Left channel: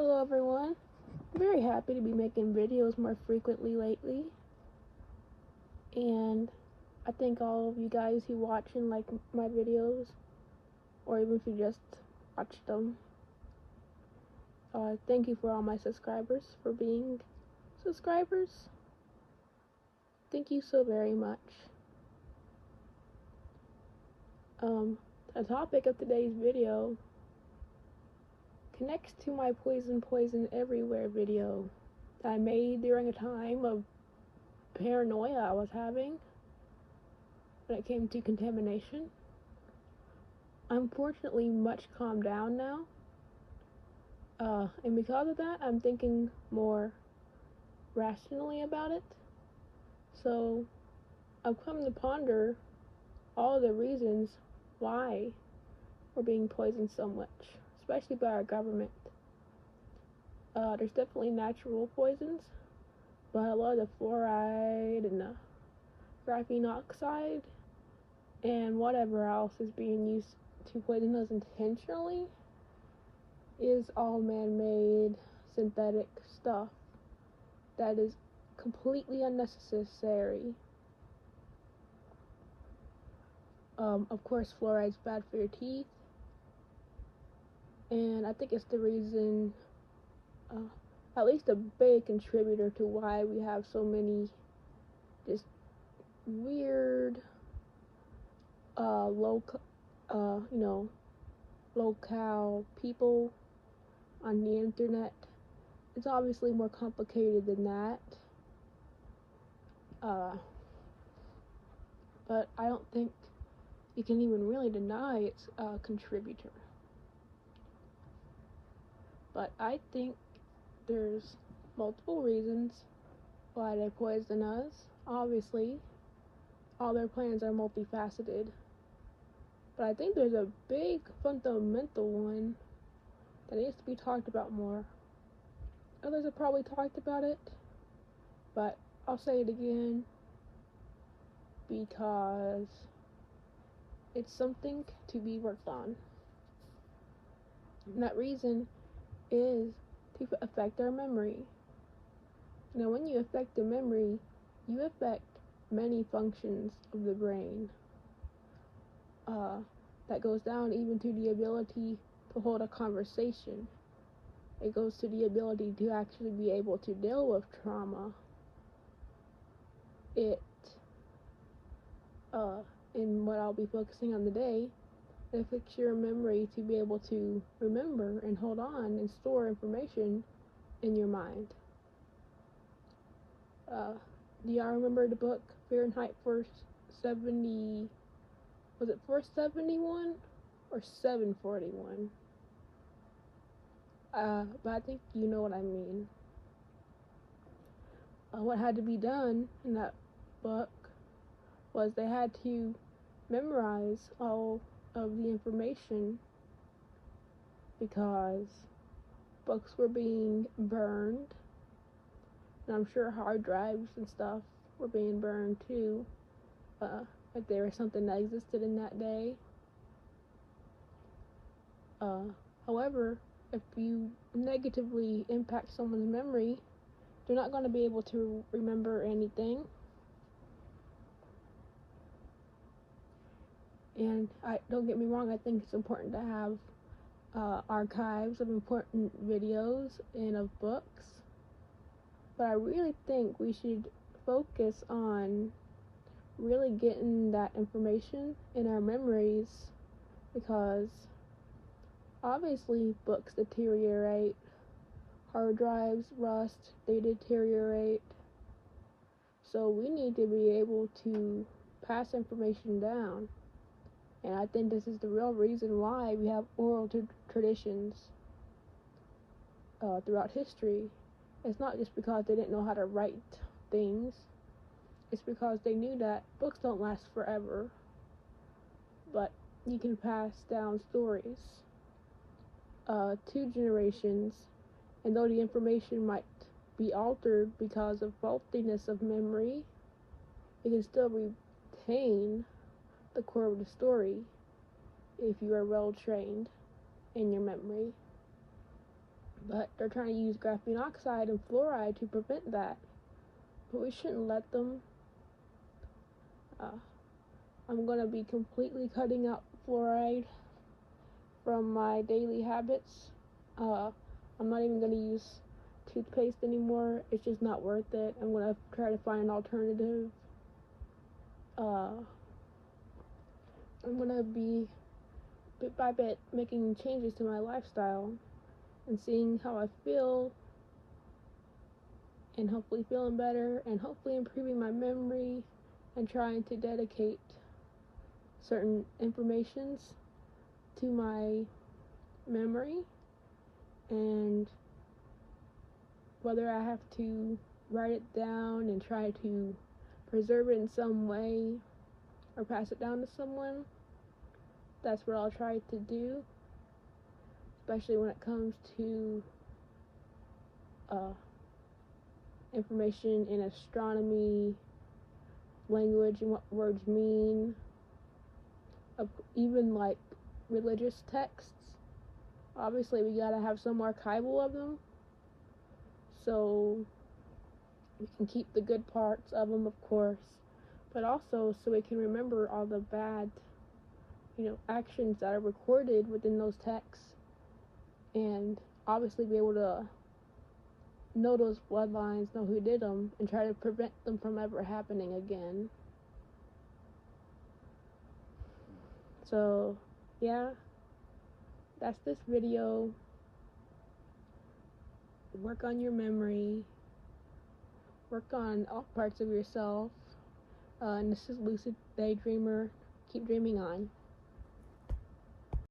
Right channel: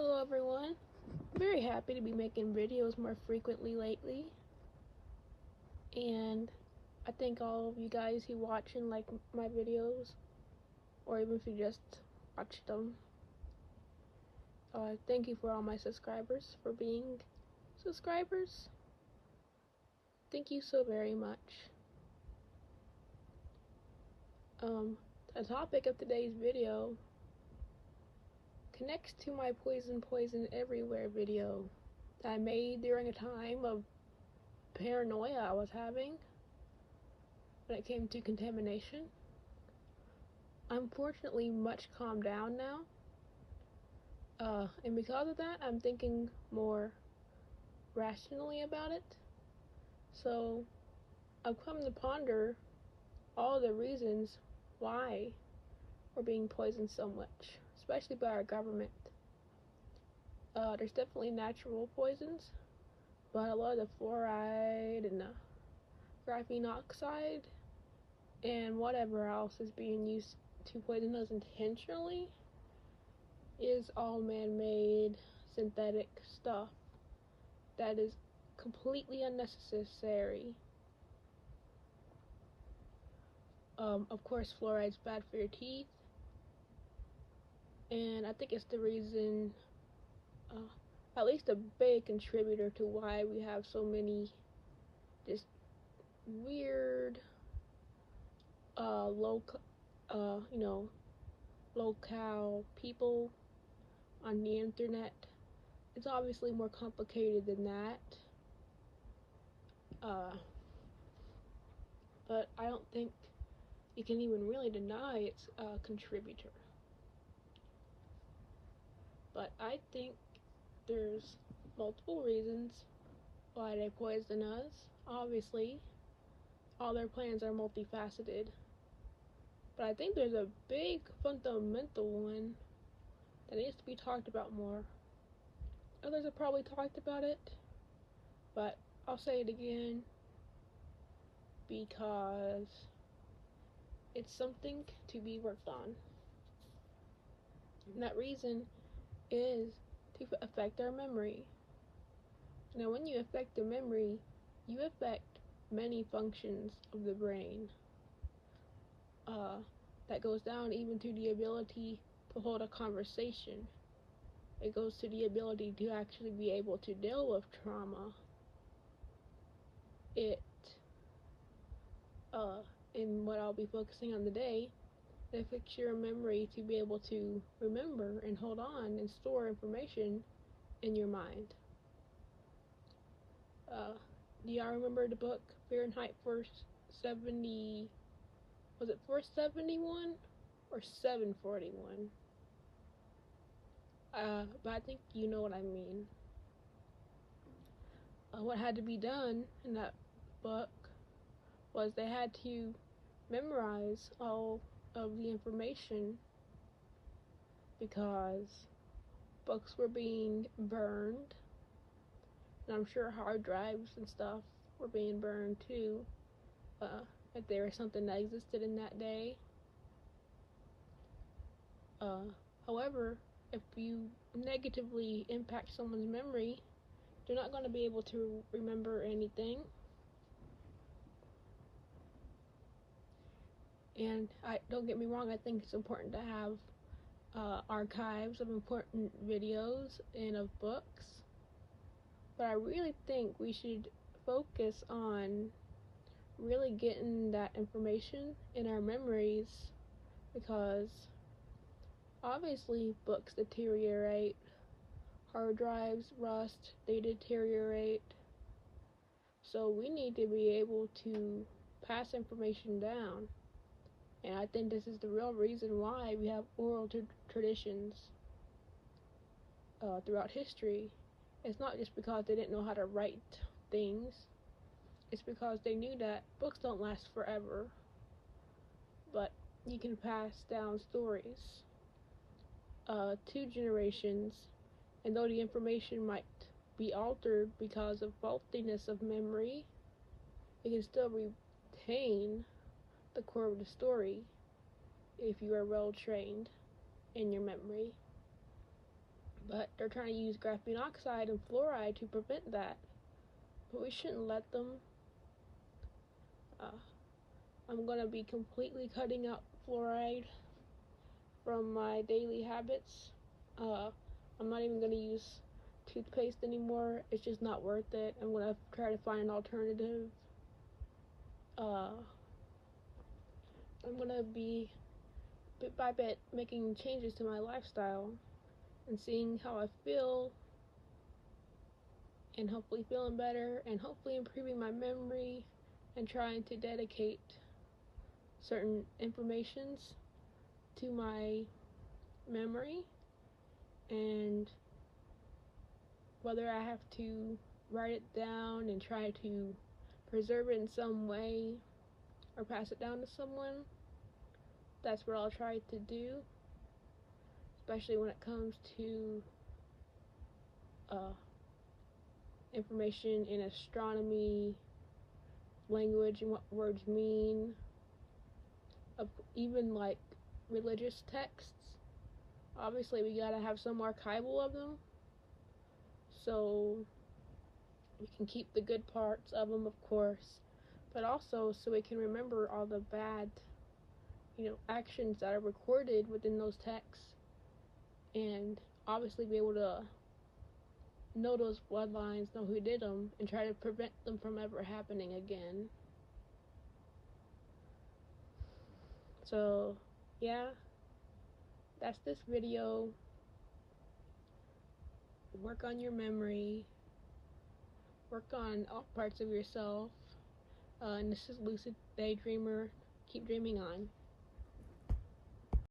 Hello everyone. I'm very happy to be making videos more frequently lately. And I thank all of you guys who watch and like my videos, or even if you just watch them. Thank you for all my subscribers for being subscribers. Thank you so very much. The topic of today's video connects to my Poison Everywhere video that I made during a time of paranoia I was having when it came to contamination. I'm fortunately much calmed down now, and because of that, I'm thinking more rationally about it. So I've come to ponder all the reasons why we're being poisoned so much, especially by our government. There's definitely natural poisons, but a lot of the fluoride and the graphene oxide and whatever else is being used to poison us intentionally is all man-made synthetic stuff that is completely unnecessary. Of course, fluoride's bad for your teeth, and I think it's the reason, at least a big contributor to why we have so many just weird, locale people on the internet. It's obviously more complicated than that. But I don't think you can even really deny it's a contributor. But I think there's multiple reasons why they poison us. Obviously, all their plans are multifaceted. But I think there's a big fundamental one that needs to be talked about more. Others have probably talked about it, but I'll say it again because it's something to be worked on. And that reason is to affect our memory. Now, when you affect the memory, you affect many functions of the brain. That goes down even to the ability to hold a conversation. It goes to the ability to actually be able to deal with trauma. In what I'll be focusing on today, it affects your memory to be able to remember and hold on and store information in your mind. Do y'all remember the book Fahrenheit 470? Was it 471 or 741? But I think you know what I mean. What had to be done in that book was they had to memorize all of the information because books were being burned, and I'm sure hard drives and stuff were being burned too, if there was something that existed in that day. However, if you negatively impact someone's memory, they're not going to be able to remember anything. And don't get me wrong, I think it's important to have archives of important videos and of books, but I really think we should focus on really getting that information in our memories, because obviously books deteriorate, hard drives rust, they deteriorate, so we need to be able to pass information down. And I think this is the real reason why we have oral traditions throughout history. It's not just because they didn't know how to write things. It's because they knew that books don't last forever, but you can pass down stories to generations, and though the information might be altered because of faultiness of memory, it can still retain the core of the story if you are well trained in your memory. but they're trying to use graphene oxide and fluoride to prevent that. But we shouldn't let them. I'm going to be completely cutting out fluoride from my daily habits. I'm not even going to use toothpaste anymore. It's just not worth it. I'm going to try to find an alternative. I'm going to be, bit by bit, making changes to my lifestyle and seeing how I feel, and hopefully feeling better, and hopefully improving my memory, and trying to dedicate certain informations to my memory, and whether I have to write it down and try to preserve it in some way or pass it down to someone, that's what I'll try to do, especially when it comes to information in astronomy, language and what words mean, even like religious texts. Obviously we gotta have some archival of them so we can keep the good parts of them, of course, but also so we can remember all the bad, actions that are recorded within those texts, and obviously be able to know those bloodlines, know who did them, and try to prevent them from ever happening again. So, yeah, that's this video. Work on your memory. Work on all parts of yourself. And this is Lucid Daydreamer. Keep dreaming on.